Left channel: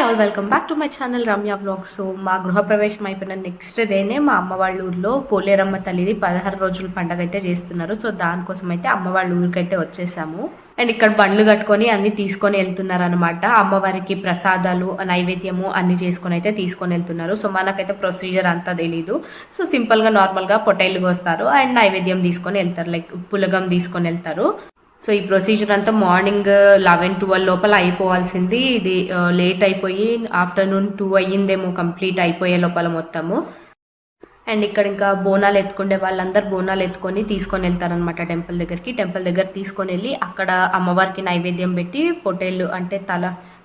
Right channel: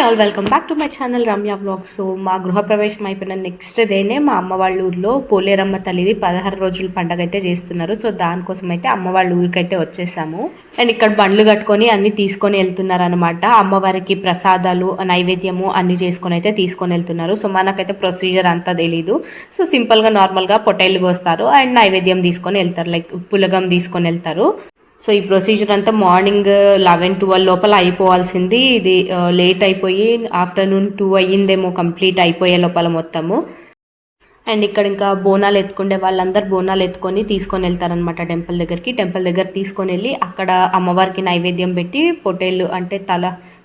Hi all welcome back to my channel Ramya blog so మా గృహప్రవేశం అయిపోయిన next డేనే మా అమ్మ వాళ్ళ ఊర్లో పోలేరమ్మ తల్లిది పదహారు రోజుల పండగ అయితే చేస్తున్నారు. సో దానికోసం అయితే అమ్మ వాళ్ళ ఊరికైతే వచ్చేసాము. అండ్ ఇక్కడ బండ్లు కట్టుకొని అన్ని తీసుకొని వెళ్తున్నారు అనమాట అమ్మవారికి ప్రసాదాలు నైవేద్యము అన్ని చేసుకొని అయితే తీసుకొని వెళ్తున్నారు. సో మనకైతే ప్రొసీజర్ అంతా తెలీదు. సో సింపుల్గా నార్మల్గా పొట్టేళ్ళు కోస్తారు. అండ్ నైవేద్యం తీసుకొని వెళ్తారు. లైక్ పులగం తీసుకొని వెళ్తారు. సో ఈ ప్రొసీజర్ అంతా మార్నింగ్ లెవెన్ ట్వెల్వ్ లోపల అయిపోవాల్సింది. ఇది uh, లేట్ అయిపోయి ఆఫ్టర్నూన్ టూ అయ్యిందేమో కంప్లీట్ అయిపోయే లోపల మొత్తము. అండ్ ఇక్కడ ఇంకా బోనాలు ఎత్తుకుండే వాళ్ళందరూ బోనాలు ఎత్తుకొని తీసుకొని వెళ్తారనమాట టెంపుల్ దగ్గరికి. టెంపుల్ దగ్గర తీసుకొని వెళ్ళి అక్కడ అమ్మవారికి నైవేద్యం పెట్టి పొటేలు అంటే తల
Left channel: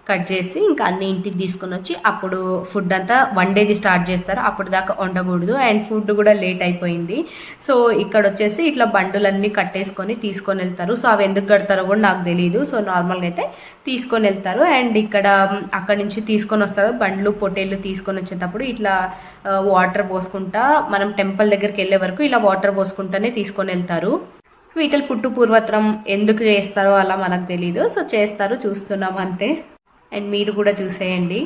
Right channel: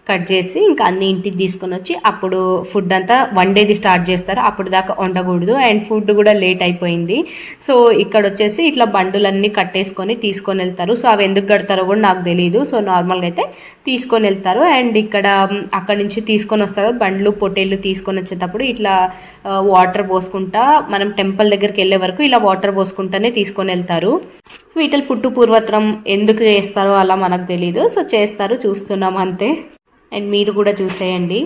కట్ చేసి ఇంకా అన్ని ఇంటికి తీసుకొని వచ్చి అప్పుడు ఫుడ్ అంతా వన్ డేది స్టార్ట్ చేస్తారు. అప్పుడు దాకా వండకూడదు. అండ్ ఫుడ్ కూడా లేట్ అయిపోయింది. సో ఇక్కడ వచ్చేసి ఇట్లా బండులన్నీ కట్టేసుకొని తీసుకొని వెళ్తారు. సో అవి ఎందుకు కడతారో కూడా నాకు తెలియదు సో నార్మల్గా అయితే తీసుకొని వెళ్తారు. అండ్ ఇక్కడ అక్కడ నుంచి తీసుకొని వస్తారు. బండ్లు పొట్టేళ్ళు తీసుకొని వచ్చేటప్పుడు ఇట్లా వాటర్ పోసుకుంటా మనం టెంపుల్ దగ్గరికి వెళ్ళే వరకు ఇలా వాటర్ పోసుకుంటానే తీసుకొని వెళ్తారు. సో వీటిల్ పుట్టు పూర్వత్రం ఎందుకు చేస్తారో అలా మనకు తెలియదు సో చేస్తారు. చూస్తున్నాం అంతే. అండ్ మీరు కూడా చూసేయండి.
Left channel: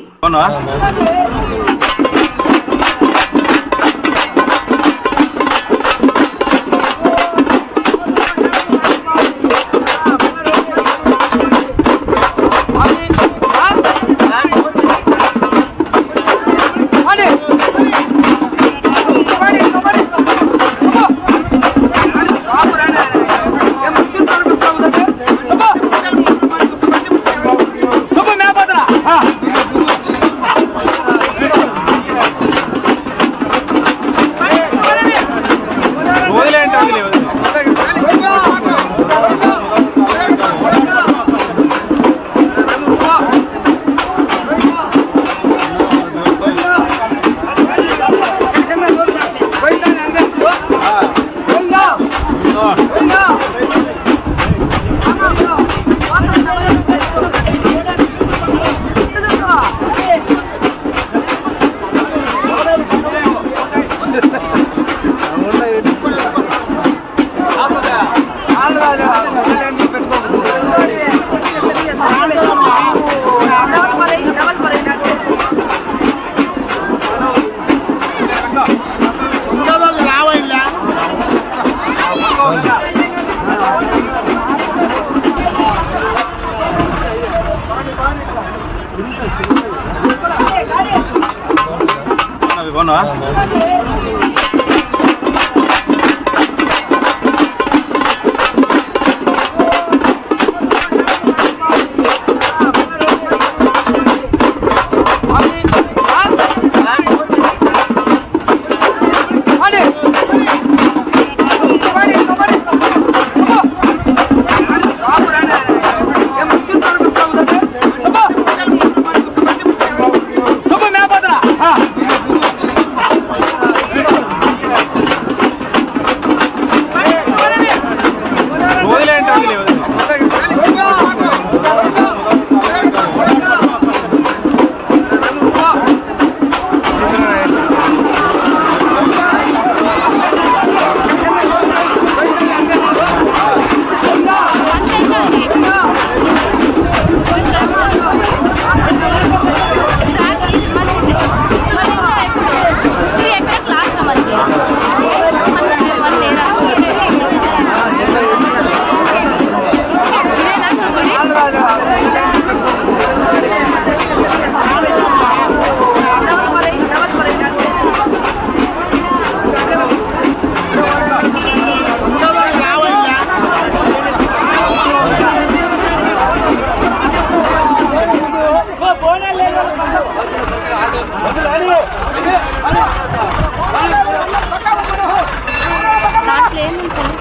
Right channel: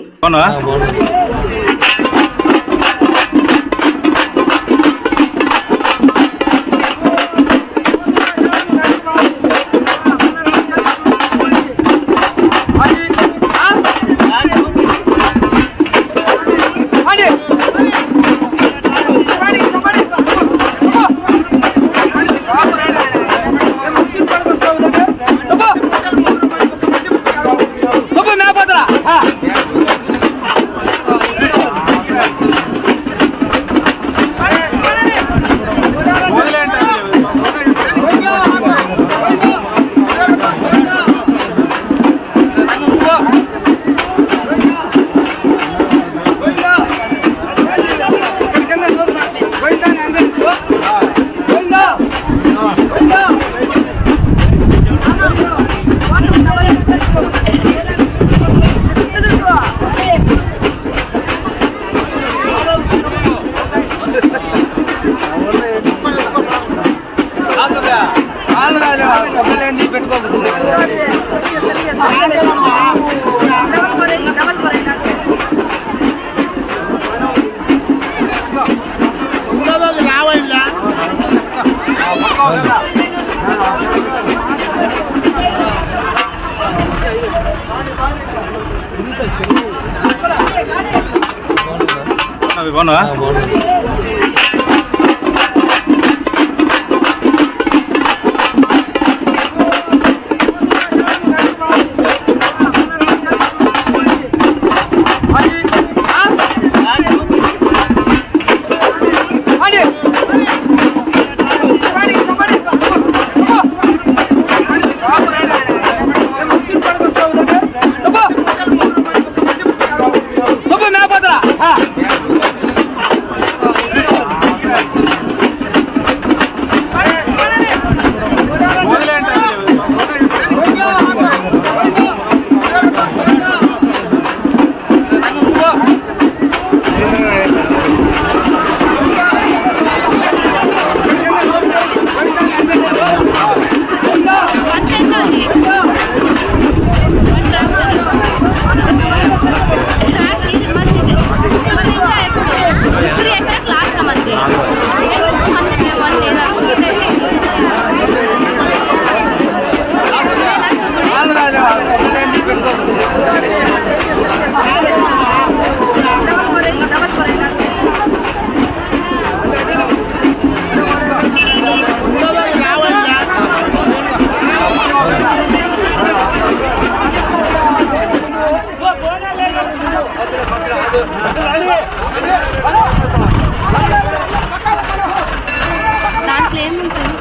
దాంట్లో ఏముంటుంది?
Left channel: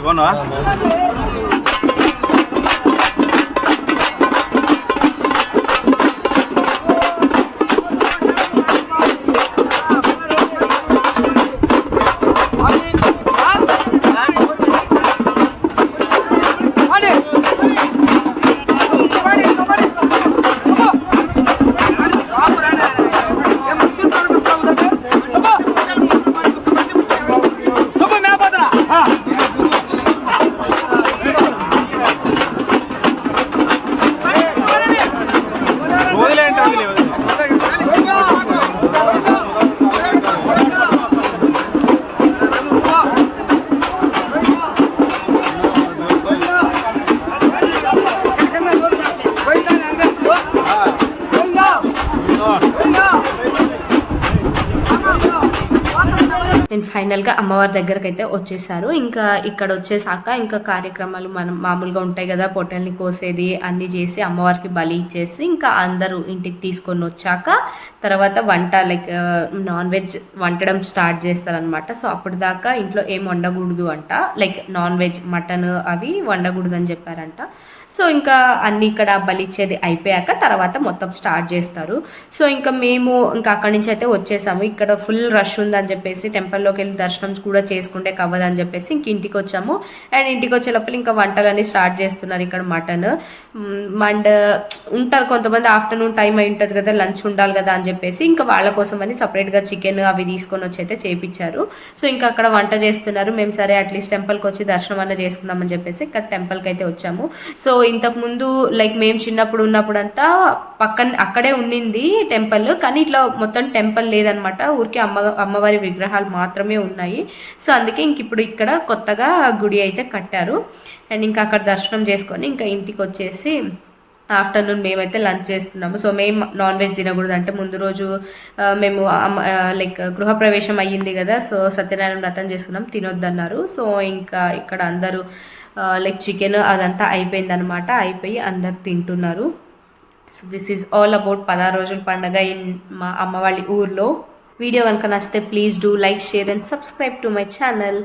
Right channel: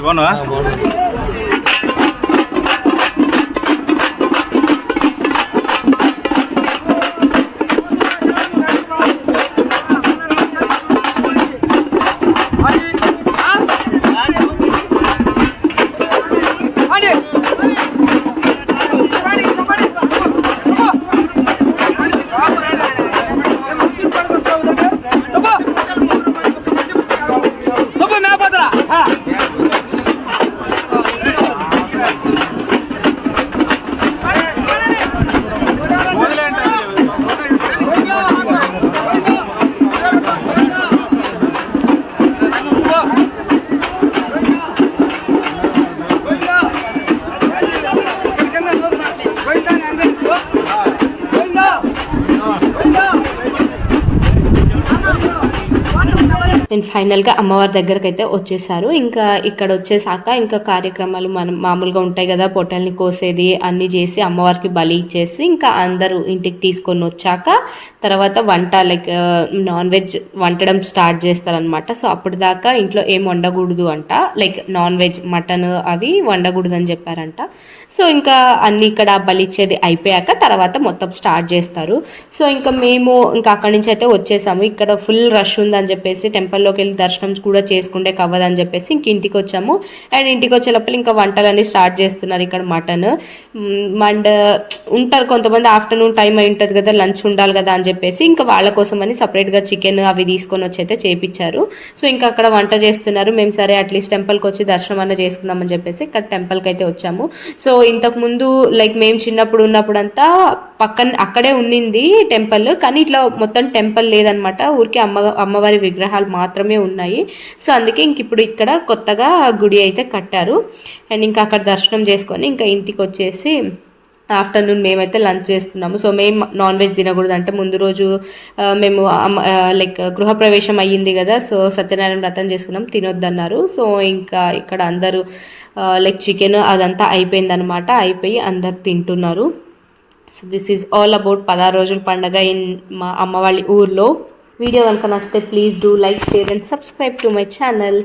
బాగున్నా అండ్ ఫైనల్గా అమ్మవారి దగ్గరకు అయితే వచ్చేసారు. ఇంకా ఇక్కడ వచ్చేసాక ఇంకా కార్యక్రమాలు మనం మామూలుగా ఉంటాయి కదా పొట్టల్ని కోసేది అన్నీ చేసి అమ్మవారికి బలి ఇచ్చేసి ఇంకా అందరూ ఇంటికి తీసుకొని వచ్చాక తర్వాత వంట లైక్ నాన్ uh, వెజ్ వండడం స్టార్ట్ చేస్తారనమాట సో అప్పటిదాకా ఇంట్లో ఏం వండకూడదు అంట. లైక్ నాన్ వెజ్ మటన్ అవి వండకూడదు అని చెప్పారంట. సో ఇంకా అన్ని ఇక్కడ బలిచ్చేది అయిపోయాక తర్వాత మొత్తం స్టార్ట్ చేస్తారు. సో ఇంకా మేము ఇంకా అక్కడి నుంచి అయితే వచ్చేసాము. ఇక్కడ ఫుల్ రష్ ఉందని చెప్పేసి టెంపుల్లోకి వెళ్ళి దర్శనం కూడా చేసుకుంటే కవ్వదని చెప్పేసి ఇంక ఇంటికి వచ్చాము. అండ్ ఇంటికి వచ్చే లోపల ఇంకా వంటలన్నీ స్టార్ట్ చేస్తున్నారు ఇక్కడ మటన్. అండ్ ఉంటారు కొంతమంది ఆఫ్టర్నూన్ టైం అయి ఉంటుంది కదా లంచ్ ఉండాలి కదా అని చెప్పేసి ఇంకా వాళ్ళ కోసం అని సపరేట్గా చికెన్ అవి తీసుకొని వచ్చి అయితే చేపించారు. సో ఇంకా అక్కడ వంట చేస్తున్నారు. మేము సరే అట్లీస్ట్ టెంపుల్కి వచ్చి దర్శనం అన్న చేసుకుందామని చెప్పేసి ఇక్కడ టెంపుల్కి అయితే వచ్చాము. సో ఇంతకు ఇంతకుముందు లైక్ మేము చిన్నప్పుడు ఉన్నప్పుడు అంతా పక్కన అక్కడే ఉండింది టెంపుల్ కానీ ఇట్లా మొత్తం టెంపుల్ లేదనమాట. ఊరికే అమ్మ అమ్మవారి విగ్రహాలు మాత్రమే ఉన్నాయి. సో అందుకే ఇంక ఇప్పుడు ఇక్కడ కొత్తగా గుడి అయితే కట్టారు. అండ్ ఇంకా అక్కడ దర్శనం చేసుకొని ఇంకా ఇంటికి వచ్చేసి ఆఫ్టర్నూన్ మేమైతే లంచ్ చేస్తున్నాము. సో మేము నాన్ వెజ్ తినకూడదు. అంటే ముందు రోజు మేము లైక్ గృహప్రవేశం అయ్యింది కదా సో సత్యనారాయణ వ్రతం చేసుకున్నాం. తినొద్దన్నారు. సో ఇంకా ఇక్కడ అందరూ లైక్ చికెన్ అదంతా అయిపోయిందనమాట అయిపోయి అందరు తింటున్నారు. So this is all about పదహారు రోజుల పండగ ఇన్ మా అమ్మ వాళ్ళ ఊర్లో. వీడియో కనుక నచ్చితే please do like share and subscribe to my channel.